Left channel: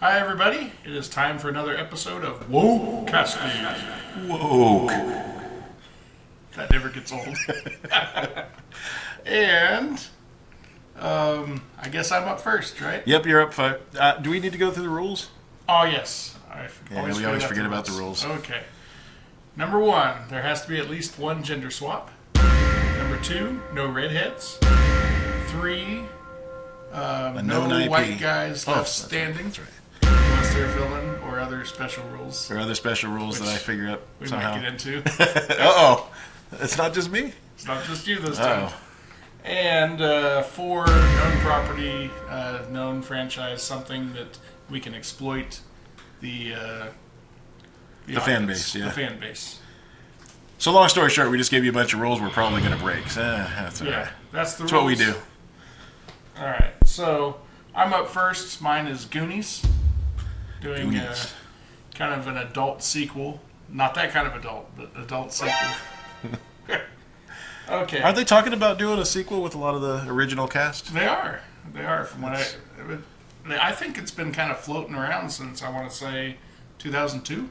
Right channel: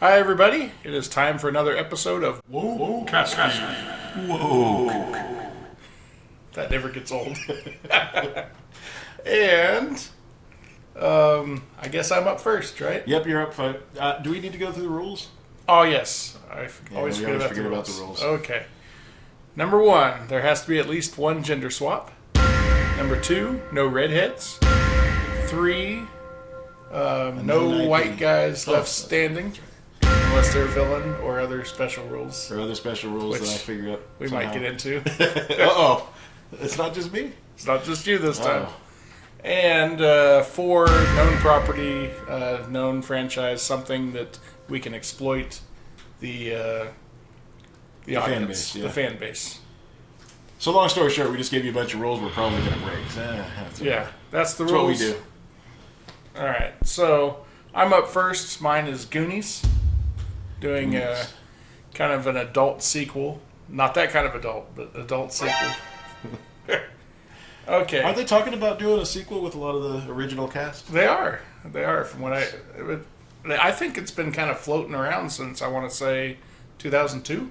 Hi, everybody. It is time for another episode of Woke Cascade. Whoa. That never gets old. And I guess I'm up first, right? Yep, you're up 5. Do we need to go through the rules? Oh, yes. We always forget about the rules. Okay. Number 1, there has to be at least one gender swap. Number 2, no redheads. 3, no white guys left standing. That's right. Unless they're a villain or other special rules. There are other special rules that I figure out We somehow. might get into. Uh-oh. It's not just me? It's not just you this time. And 4, known property, known franchise, something that we can exploit the fan base. Yeah. The fan base. So long story short, we just gave you a bunch of rules we're probably going to break. That's Yeah, that's the rules. That's what we do. All right, so I'm up first. Mine is Goonies. Doing kind of an adult sequel. Not that kind of adult, but adult sequel. Okay. Aren't they talking about doing a sequel with a lot of the original cast? They are. They are. From what I think it's been kind of floating around since, I want to say, 2002.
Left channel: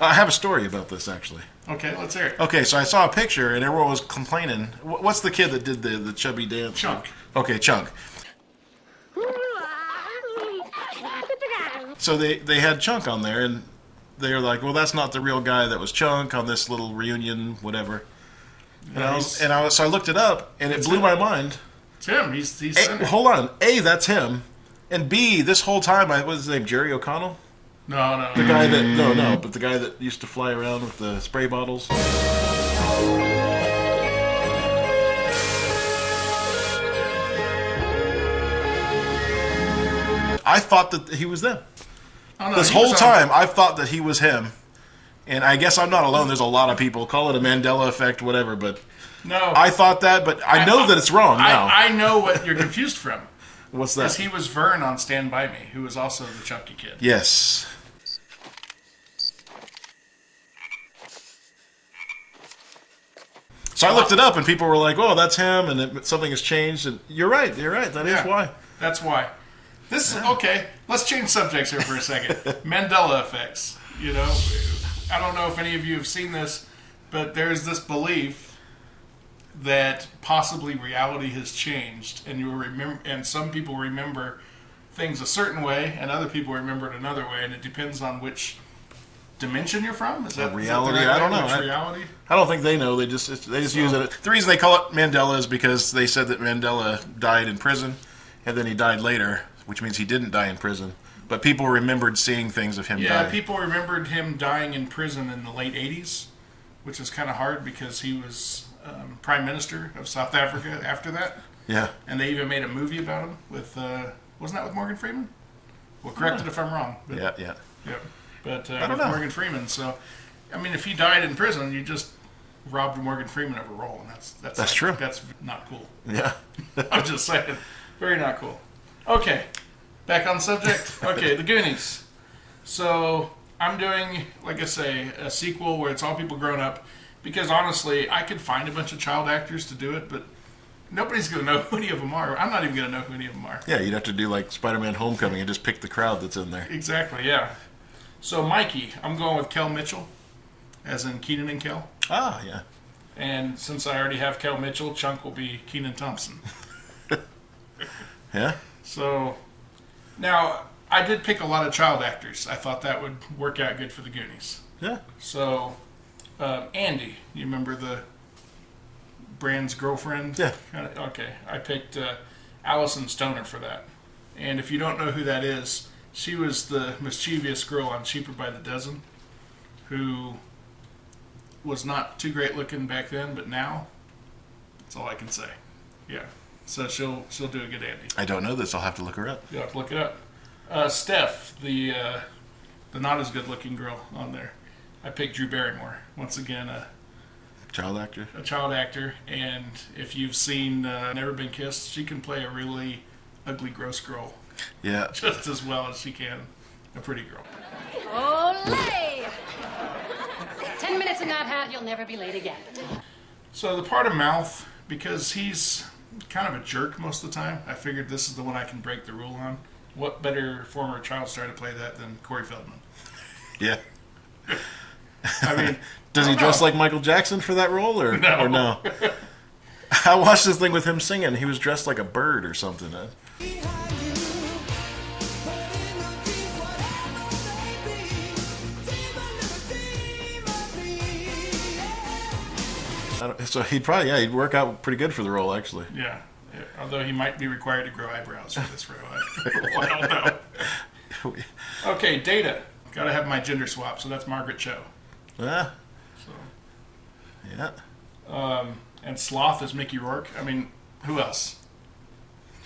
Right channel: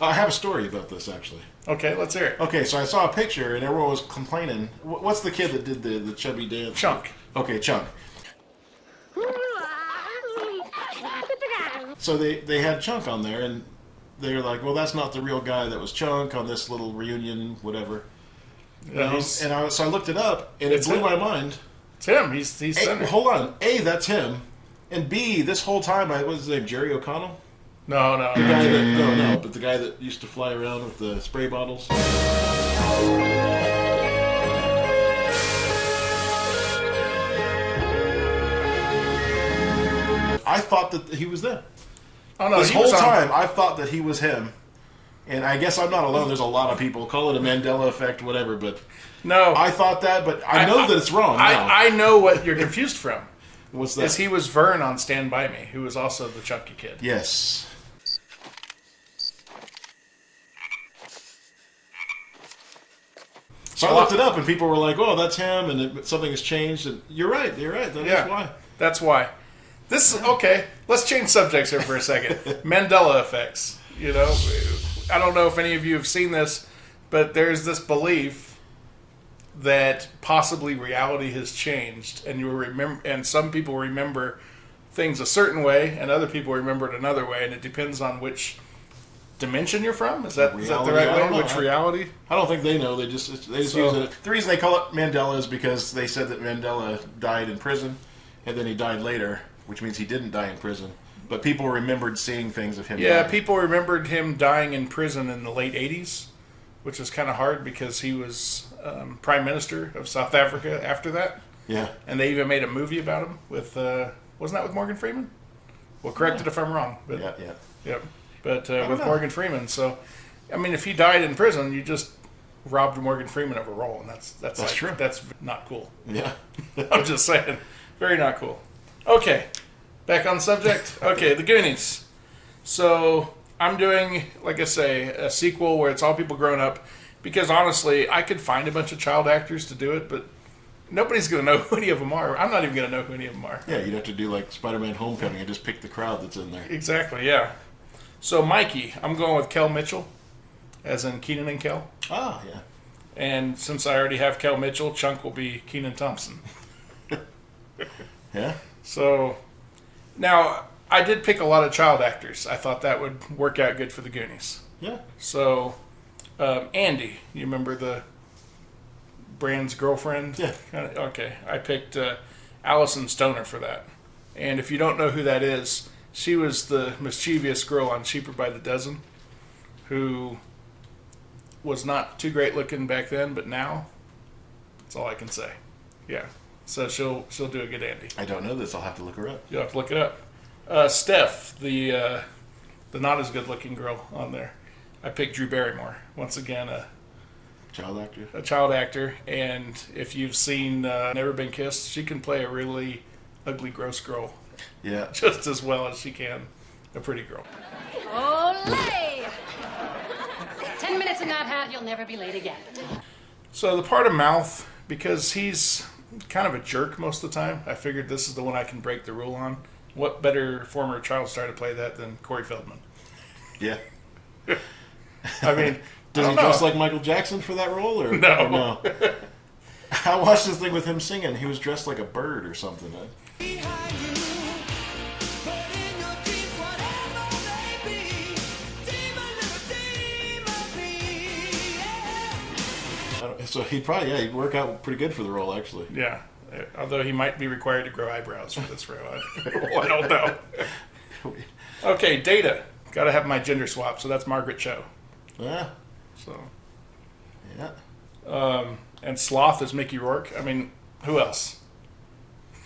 I have a story about this, actually. Okay, let's hear it. Okay, so I saw a picture, and everyone was complaining. What's the kid that did the chubby dance? Chunk. Okay, Chunk. So they had Chunk on there, and they were like, well, that's not the real guy that was Chunk on this little reunion, whatever. Yeah, So I looked it up, and it blew my mind. It's him. He's A, hold on. A, that's him. And B, this whole time, what was his name, Jerry O'Connell? No. The guy that, but the guy that used to fly around with the spray bottles. I thought that he was them. Oh, no, this whole time, I thought that he was him. And I guess I'm not alone. There's a lot of people. Call it a Mandela effect, whatever. But no, I thought that, but I know that it's wrong now. I know what you're confused from. What's that? Because he was Vern on Stand By Me, who was also the Chunky Kid. Yes. So I looked it up, and people were like, "Oh, that's him," and something has changed. And you're right. That is why. That's why. This is okay. Let's change subjects here for a second. Mandela effects. You know, I don't know if any of you have seen this, but there's this belief that possibly reality has changed, and you remember, and some people remember things a certain way, and other people remember it another way, and it depends on which dimension you're from. Is that reality? The right I don't know. Which reality? I don't think they know. They just use it. The reason they call it Mandela is because they said that Mandela died in prison, and then he died later, which means he didn't die in prison. But people remembered seeing things of him dying. Yeah, people remembered him dying in prison in the late 80s, which is kind of hard because he was Prime Minister of South Africa after that. Yeah. And they even made a movie about him with, wasn't that with Morgan Freeman? Well, correct it if I'm wrong. But, Yeah. Yep. But with Morgan Freeman. So, I mean, if he died in prison, you just robbed Morgan Freeman of a role. And that's true. That's not cool. Yeah. I'm just saying. Very not cool. Okay. Back on subject. Okay, the Goonies. So I'm doing, like I say, a sequel where it's all people grown up. Because honestly, I could find a bunch of child actors to do it, but nobody's going to know who any of them are. I'm not even going to know who any of them are. Yeah, you'd have to do like Spider-Man Homecoming and just pick the crowd that's in there. Exactly, yeah. So Mikey, I'm going with Kel Mitchell, as in Keenan and Kel. Ah, yeah. And since I already have Kel Mitchell, Chunk will be Keenan Thompson. Yeah? So, now, I did pick a lot of child actors. I thought that would work out good for the Goonies. Yeah. So, Andy, you remember the Brand's girlfriend? Yeah. Okay, I picked Allison Stoner for that. And if you don't know who that is, she was the mischievous girl on Cheaper by the Dozen, who was not too great looking back then, but now, that's all I can say. Yeah. So she'll do a good Andy. I don't know this. I'll have to look her up. You'll have to look it up. Steph, the not as good looking girl on there. I picked Drew Barrymore. Once again, a child actor. A child actor, and if you've seen Never Been Kissed, she can play a really ugly, gross girl. Yeah. Just as well as she can a pretty girl. Olay! 10 minutes in that hat, you'll never be late again. So the part of Mouth, because he's kind of a jerk most of the time, I figured this is the one I can break the rule on. what better former child star to play that than Corey Feldman? Yeah. I mean, Does he I don't dress know. like Michael Jackson for that role, or No. or no? I watched this thing with him singing. He was dressed like a bird or something. So he'd work out pretty good for the role, actually. Yeah. Although he might be required to grow eyebrows for this role. I don't know. Okay, Data. Got to have my gender swap, so that's Margaret Cho. Yeah. So, Yeah. and Sloth is Mickey Rourke. I mean, who else?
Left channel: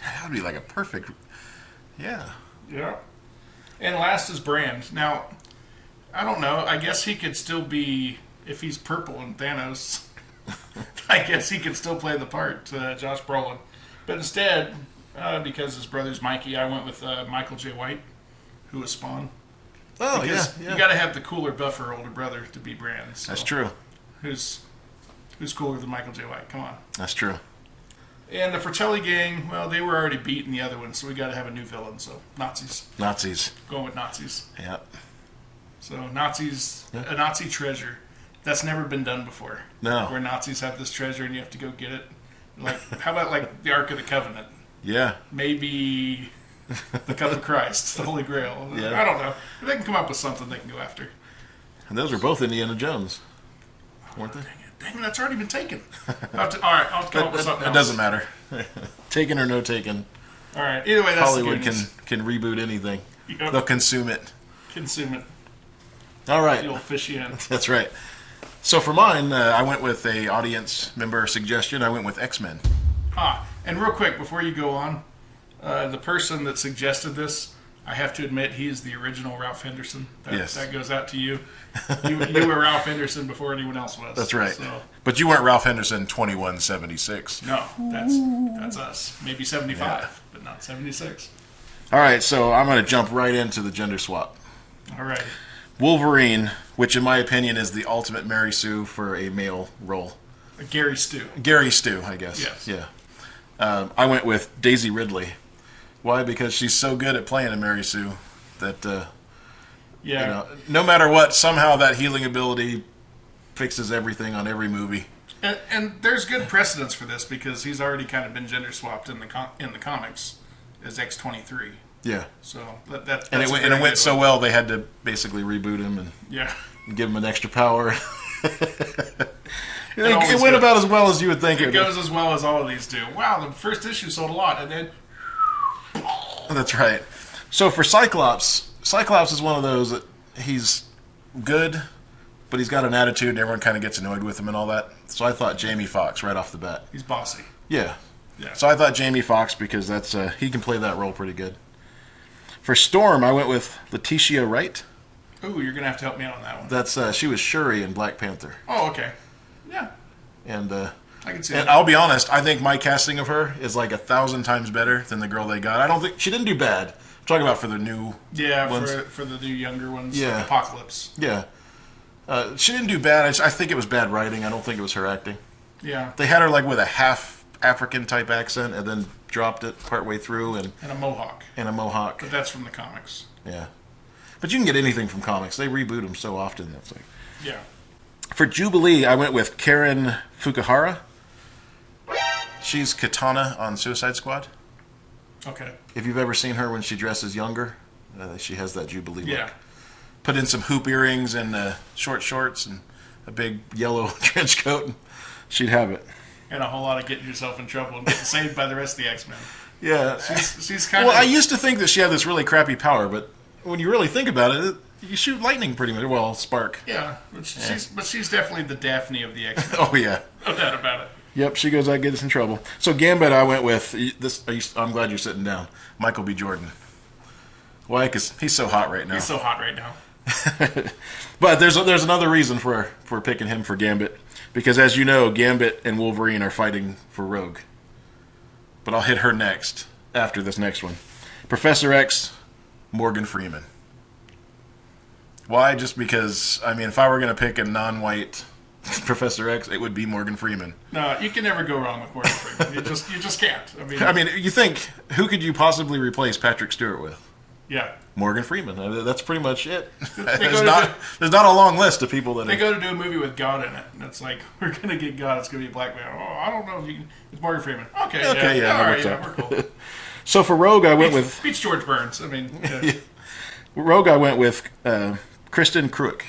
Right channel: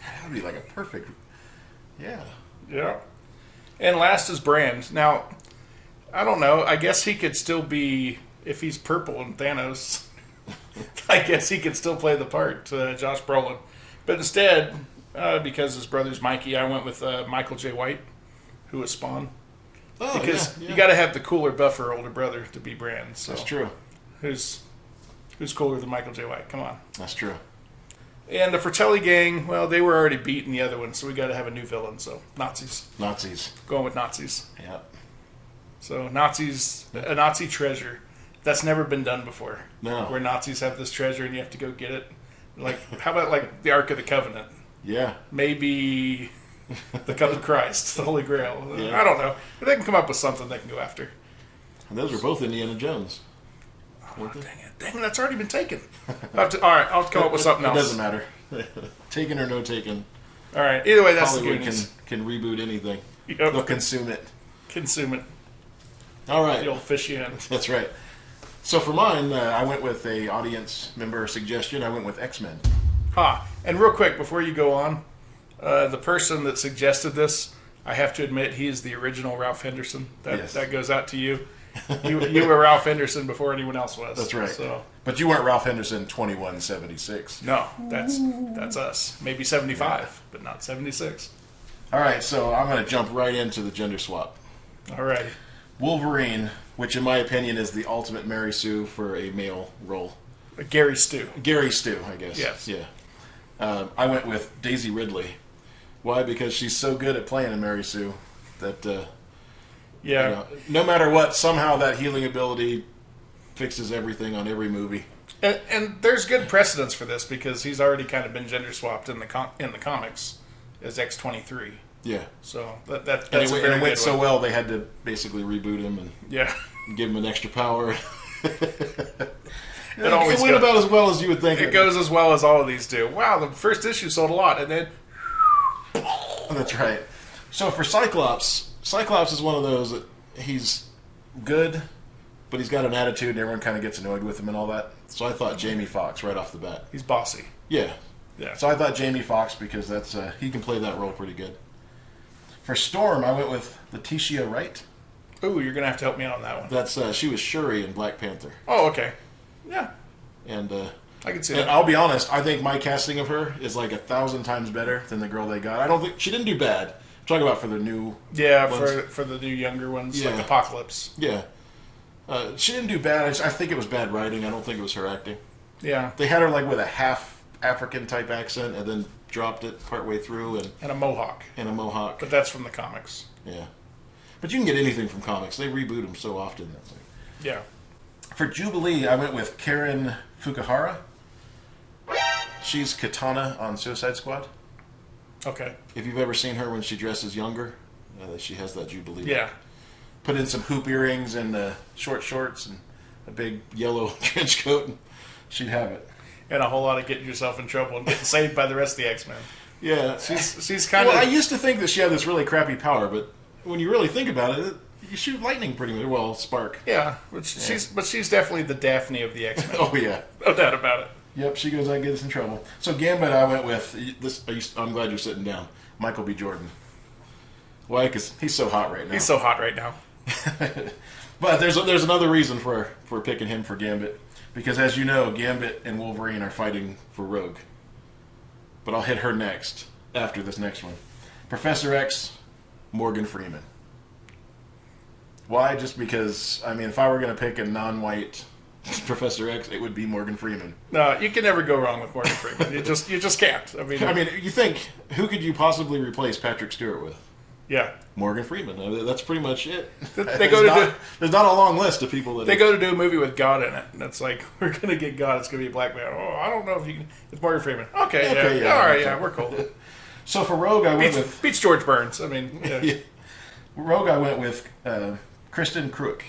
That would be like a perfect. Yeah. Yeah. And last is Brand. Now, I don't know. I guess he could still be, if he's purple and Thanos, I guess he could still play the part, Josh Brolin. But instead, because his brother's Mikey, I went with Michael J. White, who was Spawn. Oh, Because yeah. you got to have the cooler, buffer older brother to be Brand. So That's true. Who's cooler than Michael J. White? Come on. That's true. And the Fratelli gang, well, they were already beating the other one, so we got to have a new villain. So Nazis. Nazis. Going with Nazis. Yeah. So Nazis, a Nazi treasure. That's never been done before. No. Where Nazis have this treasure and you have to go get it. Like, how about like the Ark of the Covenant? Yeah. Maybe the Cup of Christ, the Holy Grail. Yeah. I don't know. If they can come up with something they can go after. And those were both Indiana Jones, weren't they? Dang it, that's already been taken. All right, I'll have to come up with something It else. doesn't matter. Taken or no taken. All right, either way, that's Hollywood the Goonies. can reboot anything. Yep. They'll consume it. Consume it. All right. The old fishy end. That's right. So for mine, I went with a audience member suggestion. I went with X-Men. And real quick, before you go on, the person that suggested this, I have to admit, he is the original Ralph Henderson. Yes. That goes out to you. You were Ralph Henderson before anyone else was. That's right. So, But you weren't Ralph Henderson 2176. no, that's us. Maybe 75, but not 76. All right, so I'm going to jump right into the gender swap. All right. Wolverine, which in my opinion is the ultimate Mary Sue for a male role. Gary Stu. Gary Stu, I guess. Yes. Yeah. I went with Daisy Ridley. Why? Because she's so good at playing a Mary Sue that Yeah. you know, no matter what, somehow that healing ability fixes everything on every movie. And there's good precedence for this because he's already kind of been gender swapped in the comics as X-23. Yeah. So that's And a it very went good so one. well they had to basically reboot him and Yeah. give him an extra power. It always went goes- about as well as you would think It goes as well as all of these do. Wow, the first issue sold a lot, and then That's right. So for Cyclops is one of those that he's good, but he's got an attitude and everyone kind of gets annoyed with him and all that. So I thought Jamie Foxx right off the bat. he's bossy. Yeah. Yeah. So I thought Jamie Foxx because that's he can play that role pretty good. For Storm, I went with Letitia Wright. Ooh, you're gonna have to help me out on that one. That's she was Shuri in Black Panther. Oh, okay. Yeah, And I can see and that. I'll be honest, I think my casting of her is like 1,000 times better than the girl they got. I don't think she didn't do bad. I'm talking about for the new Yeah, ones. for the new younger ones, Yeah. like Apocalypse. Yeah. She didn't do bad. I think it was bad writing. I don't think it was her acting. Yeah, They had her like with a half African type accent and then dropped it partway through and and a mohawk, a mohawk. but that's from the comics. Yeah. But you can get anything from comics. They reboot them so often. That's like. Yeah. For Jubilee, I went with Karen Fukuhara. She's Katana on Suicide Squad. Okay. If you've ever seen her when she dresses younger, she has that Jubilee Yeah. look. Put in some hoop earrings and short shorts and a big yellow trench coat, and she'd have it. And a whole lot of getting yourself in trouble and getting saved by the rest of the X-Men. Yeah. She's kind Well, of. I used to think that she had this really crappy power, but when you really think about it, you shoot lightning pretty much. Well, spark. Yeah, but she's definitely the Daphne of the X-Men. Oh, yeah. No doubt about it. Yep, she goes out, gets us in trouble. So Gambit, I went with this. I'm glad you're sitting down. Michael B. Jordan. Why? Because he's so hot right now. He's so hot right now. But there's another reason for picking him for Gambit, because as you know, Gambit and Wolverine are fighting for Rogue. But I'll hit her next after this next one. Professor X, Morgan Freeman. Why? Just because, I mean, if I were going to pick a non-white Professor X, it would be Morgan Freeman. No, you can never go wrong with Morgan Freeman. You just can't. I mean, you think, who could you possibly replace Patrick Stewart with? Yeah. Morgan Freeman. That's pretty much it. There's not a long list of people that... They go to do a movie with God in it, and it's like, we're going to get God, it's going to be a black man. Oh, I don't know if you can... It's Morgan Freeman. Okay, yeah, all right, yeah, we're cool. So for Rogue, I went with... Beats George Burns, I mean... Yeah. Rogue, I went with Kristen Crook.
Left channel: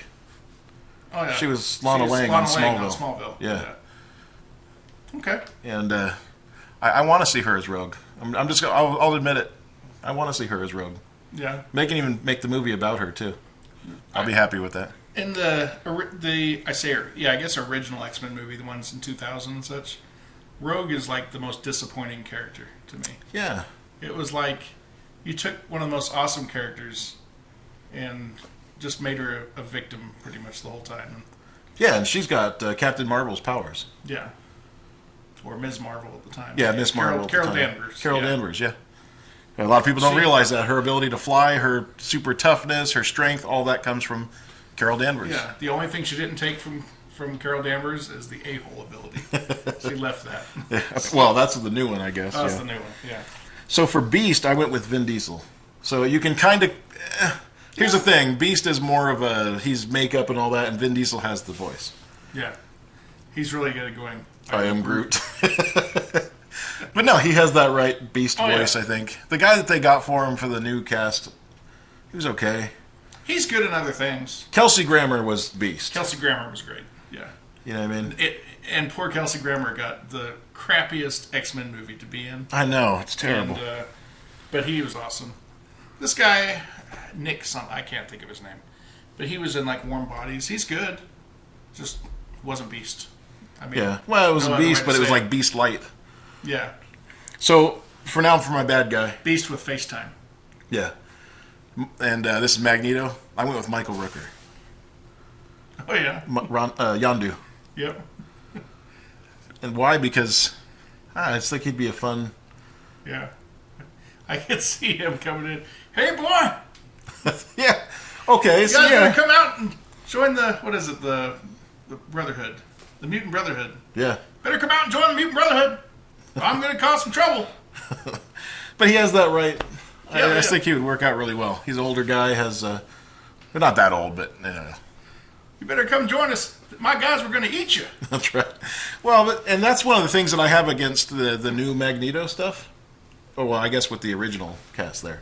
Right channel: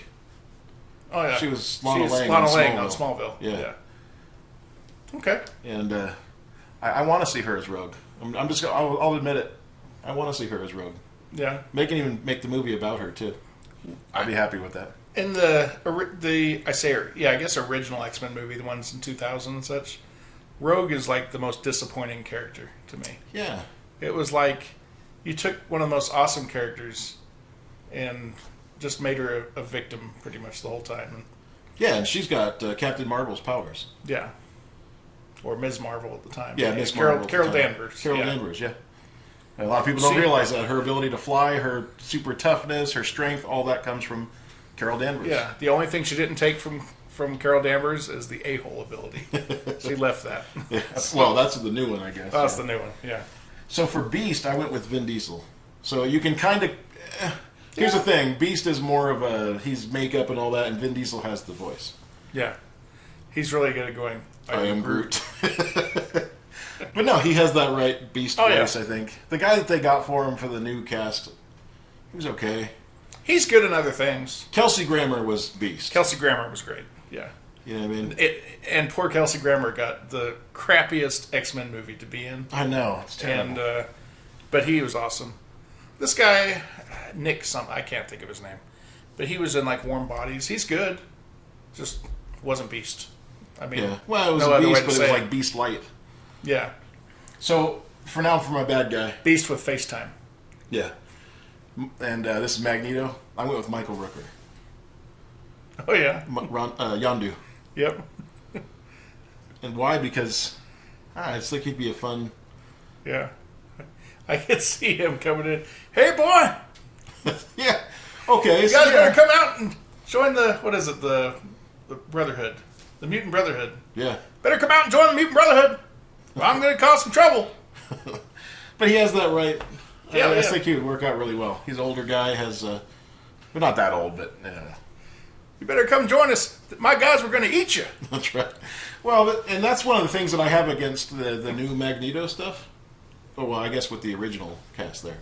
Oh, yeah. She was Lana Lang on Smallville. Yeah. Okay. And I want to see her as Rogue. I'll admit it. I want to see her as Rogue. Yeah. They can even make the movie about her, too. I'll be happy with that. In I guess original X-Men movie, the ones in 2000 and such, Rogue is like the most disappointing character to me. Yeah. It was like you took one of the most awesome characters and just made her a victim pretty much the whole time. Yeah, and she's got Captain Marvel's powers. Yeah. Or Ms. Marvel at the time. Yeah, Ms. Marvel. Carol Danvers. Carol Danvers, yeah. A lot of people don't realize that. Her ability to fly, her super toughness, her strength, all that comes from Carol Danvers. Yeah, the only thing she didn't take from Carol Danvers is the a-hole ability. She left that. Yeah. Well, that's the new one, I guess. That's the new one, yeah. So for Beast, I went with Vin Diesel. So you can kind of... Here's the thing. Beast is more of he's makeup and all that, and Vin Diesel has the voice. Yeah. He's really good at going... I am Groot. But no, he has that right Beast voice, I think. The guy that they got for him for the new cast, he was okay. He's good in other things. Kelsey Grammer was Beast. Kelsey Grammer was great, yeah. You know what I mean? And poor Kelsey Grammer got the crappiest X-Men movie to be in. I know, it's terrible. But he was awesome. This guy, Nick something, I can't think of his name. But he was in like Warm Bodies. He's good. Just wasn't Beast. I mean, yeah. Well, it was a Beast, but it was like Beast Light. Yeah. So, for my bad guy. Beast with FaceTime. Yeah. And this is Magneto. I went with Michael Rooker. Oh, yeah. Yondu. Yep. And why? Because I just think he'd be a fun... Yeah. I could see him coming in. Hey, boy! Yeah. Okay. You guys better come out and join the Brotherhood. The Mutant Brotherhood. Yeah. Better come out and join the Mutant Brotherhood. I'm going to cause some trouble. But he has that right. Yeah, I just think he would work out really well. He's an older guy. They're not that old, but... You better come join us. My guys were going to eat you. That's right. Well, and that's one of the things that I have against the new Magneto stuff. Oh, well, I guess with the original cast there.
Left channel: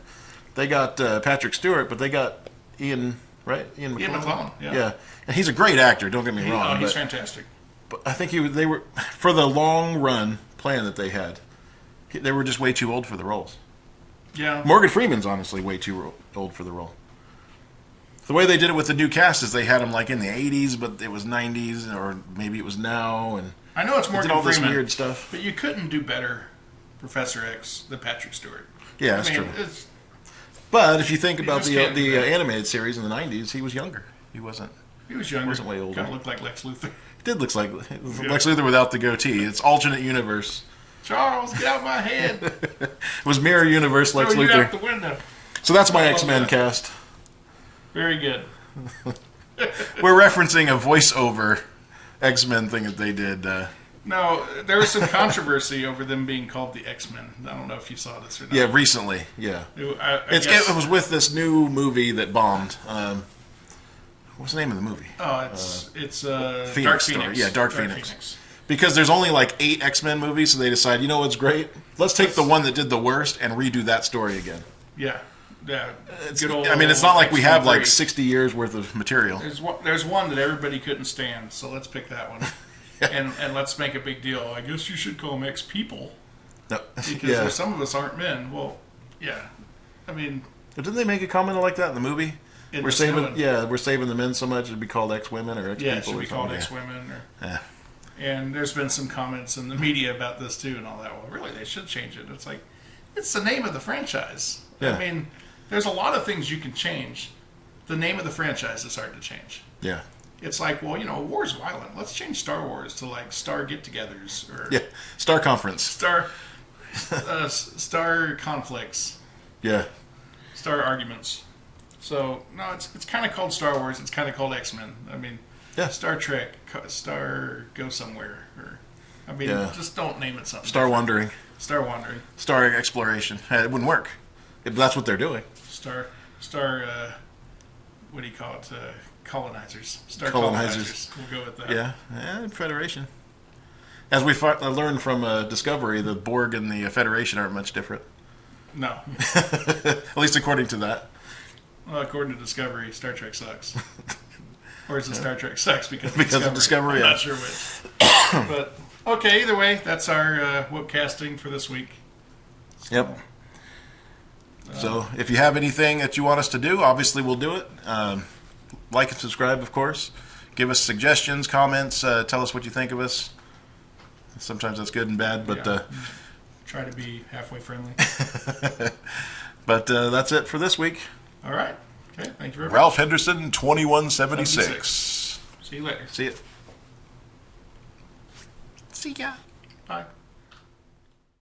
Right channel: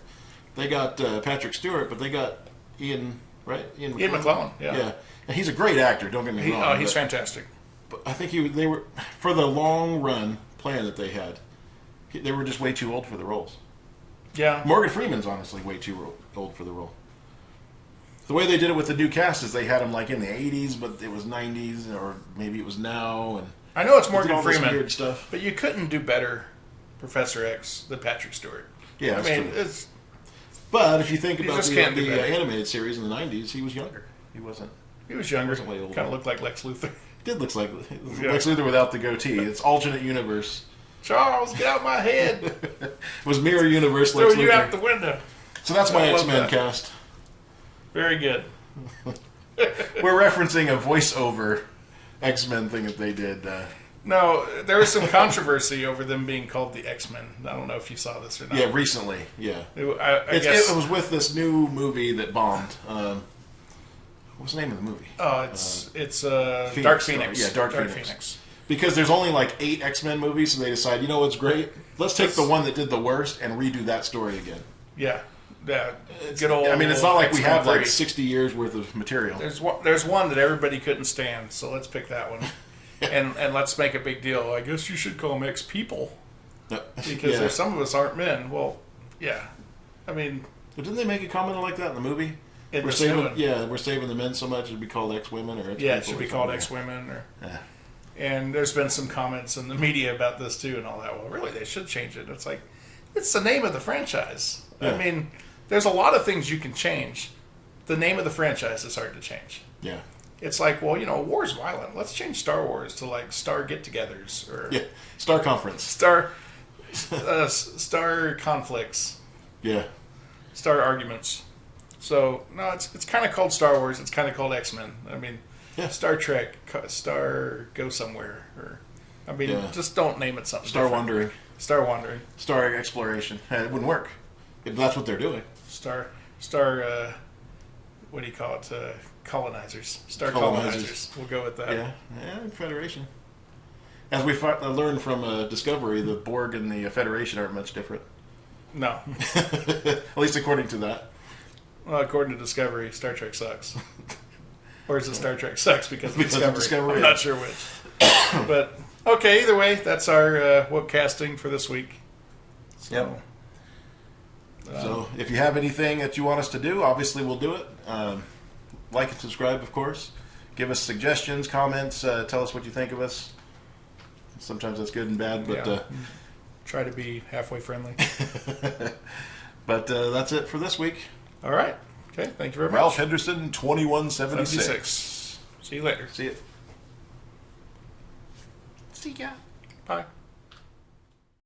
They got Patrick Stewart, but they got Ian, right? Ian McKellen, yeah. And he's a great actor, don't get me wrong. Oh, he's fantastic. But I think they were, for the long run plan that they had, they were just way too old for the roles. Yeah. Morgan Freeman's honestly way too old for the role. The way they did it with the new cast is they had him like in the 80s, but it was 90s, or maybe it was now. And I know it's Morgan all Freeman, this weird stuff. but you couldn't do better Professor X than Patrick Stewart. Yeah, that's true. But if you think about the animated series in the 90s, he was younger. He wasn't. He was younger. Wasn't way older. Kind of looked like Lex Luthor. Did look like Lex Luthor without the goatee. It's alternate universe. Charles, get out of my head. It was mirror universe Lex Throw you Luthor. out the window. So that's my X-Men cast. Very good. We're referencing a voiceover X-Men thing that they did. No, there was some controversy over them being called the X-Men. I don't know if you saw this or not. Yeah, recently. Yeah. It was with this new movie that bombed. What's the name of the movie? Oh, it's Phoenix Dark Star. Phoenix. Yeah, Dark Phoenix. Because there's only like 8 X-Men movies, so they decide, you know what's great? Let's take the one that did the worst and redo that story again. Yeah. Yeah. It's not like we have like 60 years worth of material. There's one that everybody couldn't stand, so let's pick that one. and let's make a big deal. I guess you should call them X-people. No. Because some of us aren't men. Well, yeah. I mean... But didn't they make a comment like that in the movie? We're saving the men so much it'd be called X-women or X-people. Yeah, it should be called X-women. And there's been some comments in the media about this too and all that. Well, really, they should change it. It's like, it's the name of the franchise. Yeah. I mean, there's a lot of things you can change. The name of the franchise is hard to change. Yeah. It's like, well, war's violent. Let's change Star Wars to like Star Get-Togethers or Star Conference. Star Conflicts. Yeah. Star Arguments. So no, it's kind of called Star Wars. It's kind of called X-Men. I mean, Yeah. Star Trek, Star Go Somewhere, or I mean, Yeah. just don't name it something. Star different. Wandering. Star Wandering. Star Exploration. It wouldn't work. If that's what they're doing. Star. What do you call it? Colonizers. Star Colonizers. colonizers. We'll go with that. Yeah, Federation. As we learned from Discovery, the Borg and the Federation aren't much different. No. At least according to that. Well, according to Discovery, Star Trek sucks. Or is it Star Trek sucks because Of Discovery? I'm not sure which. But, okay, either way, that's our webcasting for this week. Yep. So, if you have anything that you want us to do, obviously we'll do it. Like and subscribe, of course. Give us suggestions, comments, tell us what you think of us. Sometimes that's good and bad, but try to be halfway friendly. but that's it for this week. All right. Okay, thank you very much. Ralph Henderson, 2176. See you later. See ya. See ya. Bye.